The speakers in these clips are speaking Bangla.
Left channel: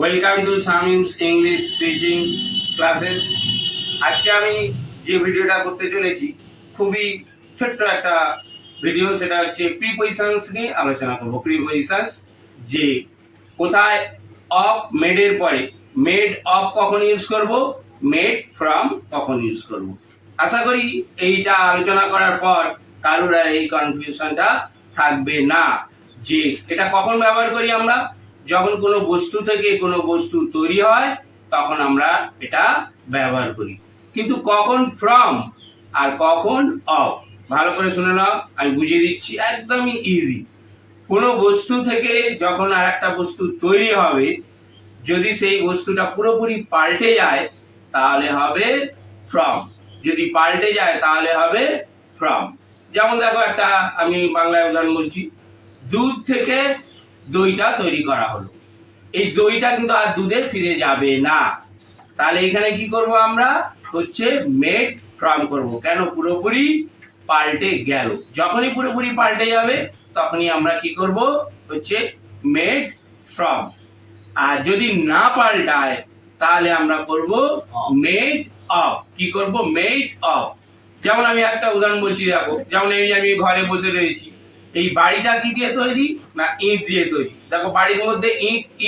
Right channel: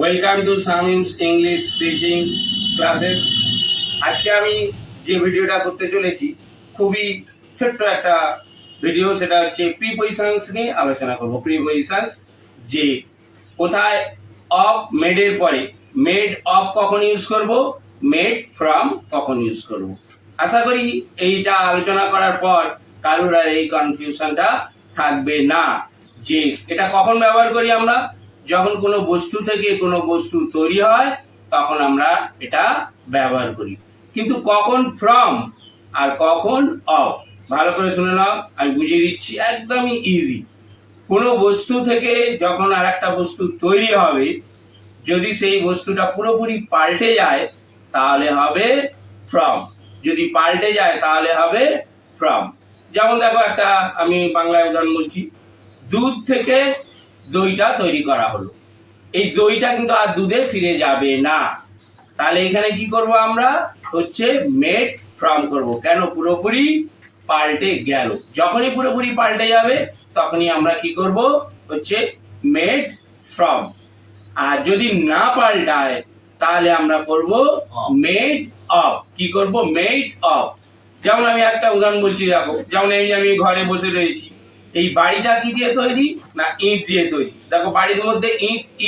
ওয়েলকাম টু সামিমস ইংলিশ টিচিং ক্লাসেস। আজকে আমি যে ভিডিওটা করতে চলেছি খুবই ছোট্ট একটা ভিডিও, সেটা হচ্ছে প্রিপজিশনস নিয়ে আলোচনা করব। প্রিপজিশনস, যে কোথায় অফ মেডের পরে মেড অফ কখন ইউজ করব, মেড ফ্রম কখন ইউজ করব। আশা করি এইটা আলোচনা করার পর কারোর আর এই কনফিউশনটা থাকবে না যে এটা কখন ব্যবহার করি আমরা। যখন কোনো বস্তু থেকে কোনো বস্তু তৈরি হয় তখন আমরা এটা ব্যবহার করি, কিন্তু কখন ফ্রম আর কখন অফ ভালো করে শুনে নাও, আমি বুঝিয়ে দিচ্ছি, একদমই ইজি। কোনো বস্তু থেকে যখন আর একটা বস্তু তৈরি হবে, যদি সেই বস্তুটা পুরোপুরি পাল্টে যায় তাহলে হবে ফ্রম, যদি পাল্টে যায় তাহলে হবে ফ্রম। যেমন দেখো, একটা আমি বাংলায় উদাহরণ বলছি, দুধ থেকে দইটা তৈরি করা হলো, এই দইটা কিন্তু আর দুধে ফিরে যাবে না, তাহলে এখানে কি করব আমরা, হচ্ছে মেড ফ্রম করব। কেন? পুরোপুরি পাল্টে গেল। যখনই পুরোপুরি পাল্টে যাবে তখনই আমরা কি করব, হচ্ছে মেড ফ্রম। আর যদি না পাল্টায় তাহলে আমরা করব মেড অফ। কি করব? Made of. যেমন আমি একটা উদাহরণ বলছি, দেখো, যেমন আমি ঘরে বসে রয়েছি, এই বাড়িটা কি দিয়ে তৈরি? না, ইট দিয়ে তৈরি। দেখো, বাড়ির মধ্যে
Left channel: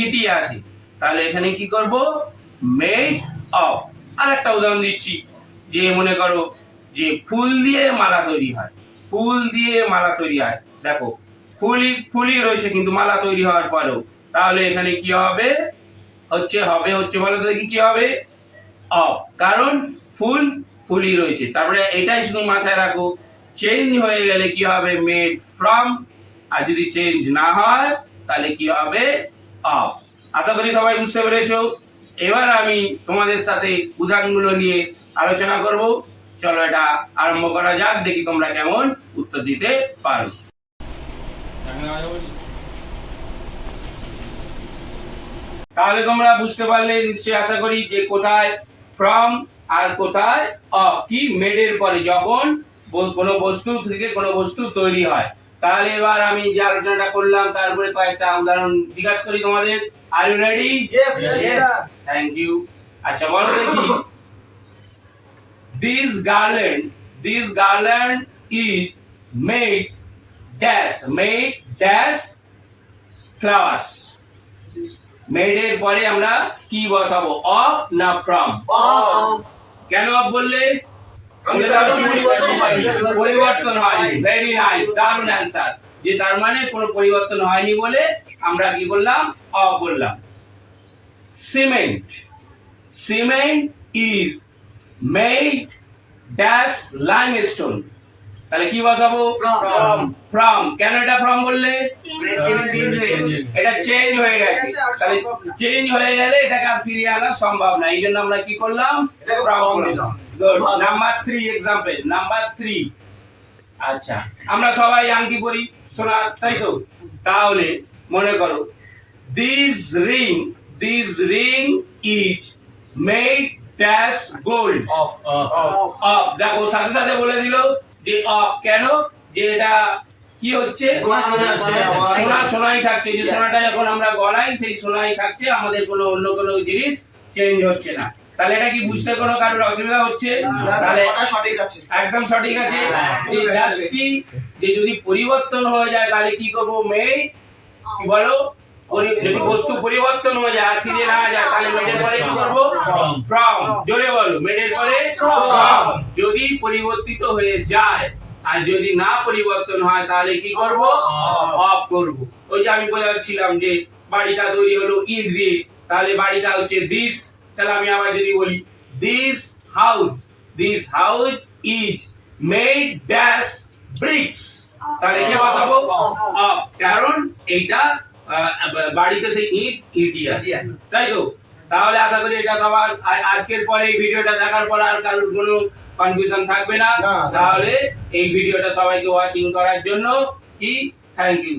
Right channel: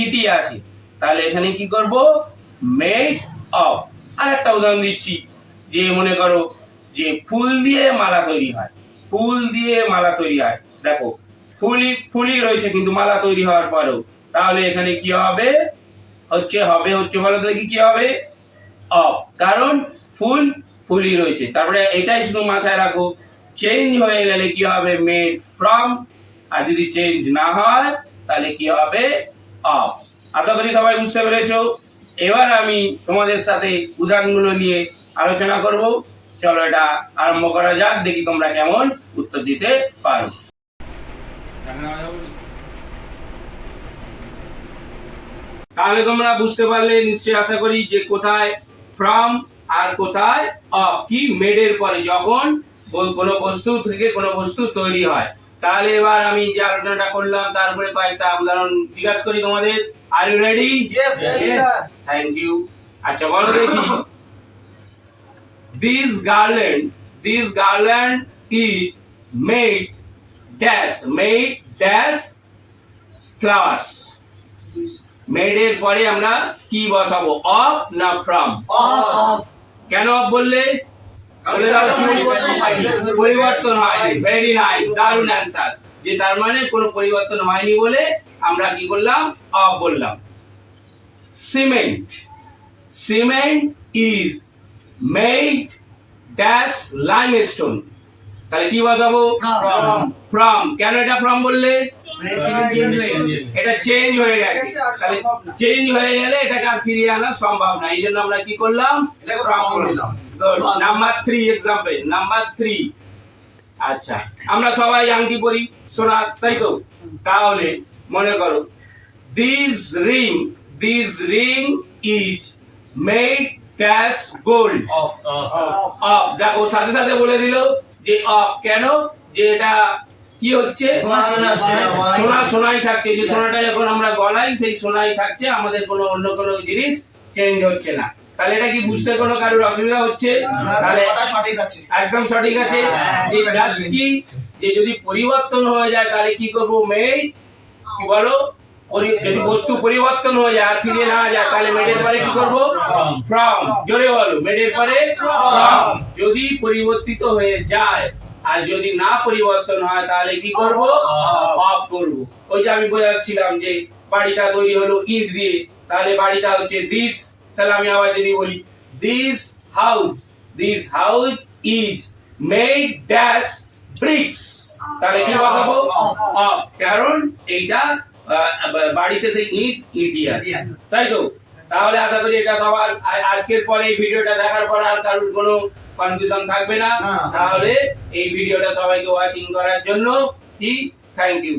ইটই আসে, তাহলে এখানে কি করব? Made of. আর একটা উদাহরণ দিচ্ছি, যে মনে করো যে ফুল দিয়ে মালা তৈরি হয়, ফুল দিয়ে মালা তৈরি হয়, দেখো ফুলই রয়েছে কিন্তু মালা তৈরি হওয়ার পরেও, তাহলে এখানে কি হবে? হচ্ছে বলো তো কি হবে? অফ। কারণ ফুলই রয়েছে। তারপরে এটাই শুধু মাথায় রাখো, চেঞ্জ হয়ে গেলে কি হবে? Made from. আর যদি চেঞ্জ না হয় তাহলে কি হবে? অফ। আশা করি সবাই বুঝতে পেরেছো। এবার আমি তোমাদের সাথে উদাহরণগুলো নিয়ে আলোচনা করব। চলো এটা আরম্ভ করা যাক, দেখি তোমরা কেমন উত্তর দিতে পারো। তাহলে তোমরা বুঝতে পারলে নিশ্চয়ই, আশা করি, যে কোথায় ফ্রম আর কোথায় অফ। কি? মেডের পরে যখন কোনো বস্তু থেকে কোনো বস্তু তৈরি হয়। তাহলে এবার আমি যে আলোচনাটা করলাম তারপরে কয়েকটা উদাহরণ জিজ্ঞাসা করি তোমাদের। Are you ready? Yes, yes. Thank you. আচ্ছা, বলো দেখি, this garland is made dash flowers. Made এর পরে আমরা কি বসাবো? অফ না ফ্রম? Off. কেন অফ বললে? পরিবর্তন হয়নি। ভেরি নাইস, দারুণ অ্যান্সার। যে তার মানে কোনো পরিবর্তন হয়নি বলে আমরা কি বললাম? অফ বললাম। Cement is made dash limestone, তাহলে কি বসাবো? ফ্রম। কেন এটা ফ্রম বললে? এটা চেঞ্জ হয়ে গেছে, তাহলে চেঞ্জ হয়ে গেলে এটাকে আর ফিরিয়ে আনা সম্ভব না, এই জন্য আমরা কি করলাম? ফ্রম করলাম। গুড। Number 3 example, number 3। আচ্ছা, আমরা সবাই আংটি পরি, সোনা, তাই তো? তাহলে মনে করো, this ring is made dash gold. Of. দেখো, সাথে সাথে বলে দিল যে অফ। কেন? যে এটা কি হচ্ছে? সোনাই থাকছে, যে সোনাটা যখন আমরা গলাই সেই সোনাই থাকছে, আমাদের কোনো অন্য কোনো জিনিস চেঞ্জ হচ্ছে না। তাহলে এটা কি বুঝতে কোনো কারোর অসুবিধা হচ্ছে? তাহলে একদম সঠিক আছে। যে জাস্ট কি, যে যদি পরিবর্তন হয়ে যায় তাহলে কি করব? মেড। কি বলো? যদি বস্তু পরিবর্তন হয়ে যায় আর ফিরে না যায় তাহলে মেডের পরে কি করব? ফ্রম। জোরে বলো, মেডের পরে ফ্রম। যদি পরিবর্তিত হয়ে যায় আর যদি না পরিবর্তন হয় তাহলে কি করব? অফ করব। ওই যে আমি বোঝাচ্ছিলাম যে বাড়িটা তৈরি হলো ইট দিয়ে, তাহলে বাড়িটা হচ্ছে দিস। তাহলে আমি আবার যদি বলি, this house is made dash bricks, তাহলে কি বসাবো? অফ। কারণ এইটা বাড়িতে সেই ইটই আছে, তাই তো? তাহলে আশা করি এটা সবার আজকের পরে এই ভিডিওটা দেখার পর আর কারোর কোনো কনফিউশন থাকবে না। তাহলে এই ভিডিওটা সবাইকে ওয়াচিং করার জন্য কি থ্যাংক ইউ।